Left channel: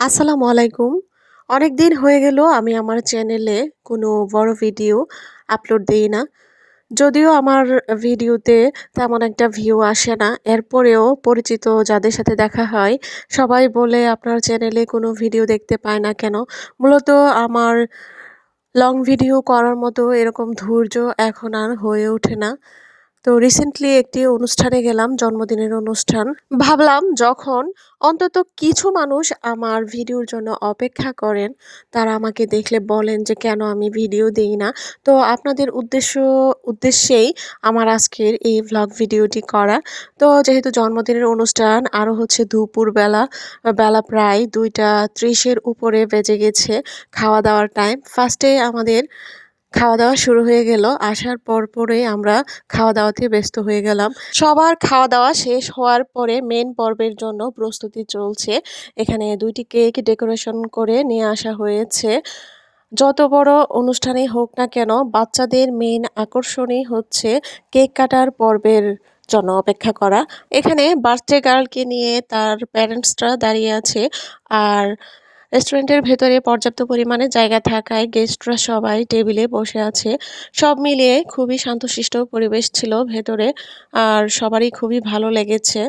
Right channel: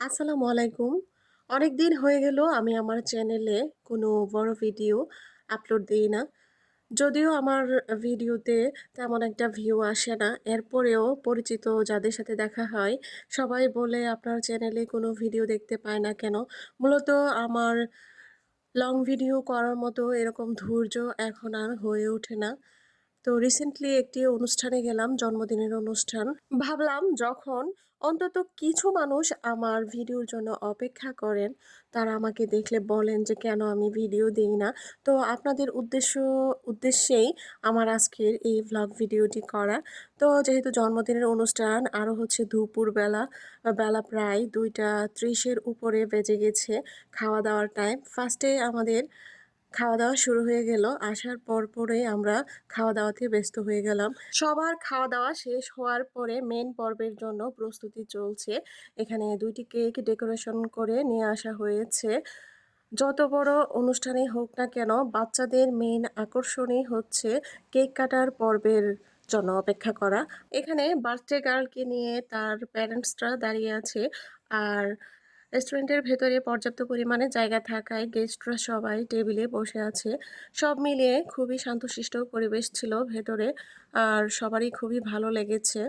আসসালামু আলাইকুম। অনেক দিন হয়ে গেল আমি আমার চ্যানেলে কোনো বড় ভিডিও আপলোড দেই না। যদিও আমার ভিডিওতে তেমন একটা ভিউ আসে না। এরপরেও পরিচিত যাদের সাথে দেখা হয় সবাই বলে, "আপনার চ্যানেলে কোনো ভিডিও দেখতে পায় না কেন?" মূলত আমার লং ভিডিও করার মতো এরকম ধৈর্য এখন আর হয়ে ওঠে না। তো রিসেন্টলি একটি অনুষ্ঠানে গেলাম, জন্মদিনের অনুষ্ঠান। ভাবলাম যখন অন্তত কিছু মানুষ আমার ভিডিওর জন্য অপেক্ষা করেন, তারা আমাকে দেখলে বলেন যে কেন আমি ভিডিও দেই না। তো আপনাদের উদ্দেশ্য উদ্দেশ্যেই আমার আজকের এই ভ্লগ ভিডিওটি করা। তো যেহেতু জন্মদিনের অনুষ্ঠান আরও হচ্ছে দুপুরবেলা, বেলা প্রায় দুইটা ত্রিশের উপরে বেজে গেছে খাওয়া-দাওয়ার টাইম। ফার্স্টে আমাদের খাওয়া-দাওয়া শুরু হয়ে গেল। আসার পরপরই আমরা খাওয়া-দাওয়াতে ব্যস্ত হয়ে গেলাম। সবার খাওয়া-দাওয়া শেষ হওয়ার পরে মেন পর্বের জন্য প্রস্তুতি চলছে। এখানে দুইটি কেক ডেকোরেশন করে নিয়ে আসা হয়েছে। যত বড় অনুষ্ঠানই হোক না কেন, বাচ্চাদের মেন আকর্ষণই হচ্ছে কেক কাটার পর্বের জন্য অপেক্ষা করা। এখানে বার্থডে গার্লকে নিয়ে তার প্যারেন্টসরা দাঁড়িয়ে আছে। আর রেস্টুরেন্টের ভেতরে পর্যাপ্ত পরিমাণে জায়গা থাকায় গেস্টরা সবাই টেবিলে বসে আছে। সব মিলিয়ে খুবই শান্তশিষ্ট পরিবেশ ছিল ভেতরে। আর সবারই খুবই ভালো লেগেছে।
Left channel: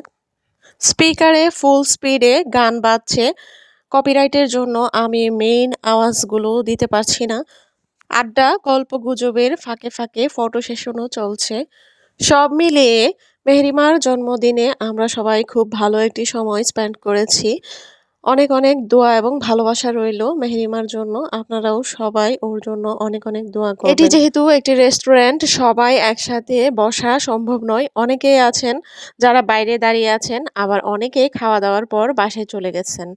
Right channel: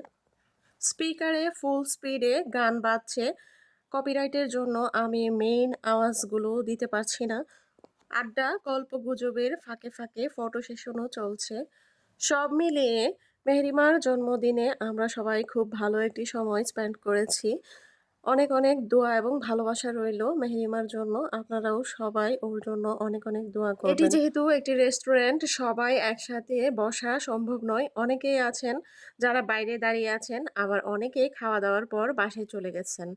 স্পিকারে ফুল স্পিডে গান বাজছে। কপিরাইটের জন্য আমি মেইন আওয়াজগুলো দিতে পারছি না। আড্ডা, গল্প গুজবের ফাঁকে, ফাঁকে ফটো সেশনও চলছে। সব মিলিয়ে মেহরিমার জন্মদিনে আমরা সবাই খুব ভালো একটি সময় স্পেন্ড করেছি। অনেক, অনেক দোয়া এবং ভালোবাসা রইল মেহরিমার জন্য। আপনারাও সবাই ওর জন্য অনেক, অনেক দোয়া করবেন। এটি যেহেতু একটি রেস্টুরেন্ট, সবাই একসাথে বসা সম্ভব নয়। অনেকেই আছেন যারা বাইরে দাঁড়িয়ে আছেন, আবার অনেকেই খাওয়া-দাওয়ার পর বাসায় চলে গেছেন।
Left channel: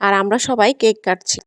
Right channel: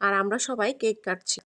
আর আমরা সবাই কেক কাটছি।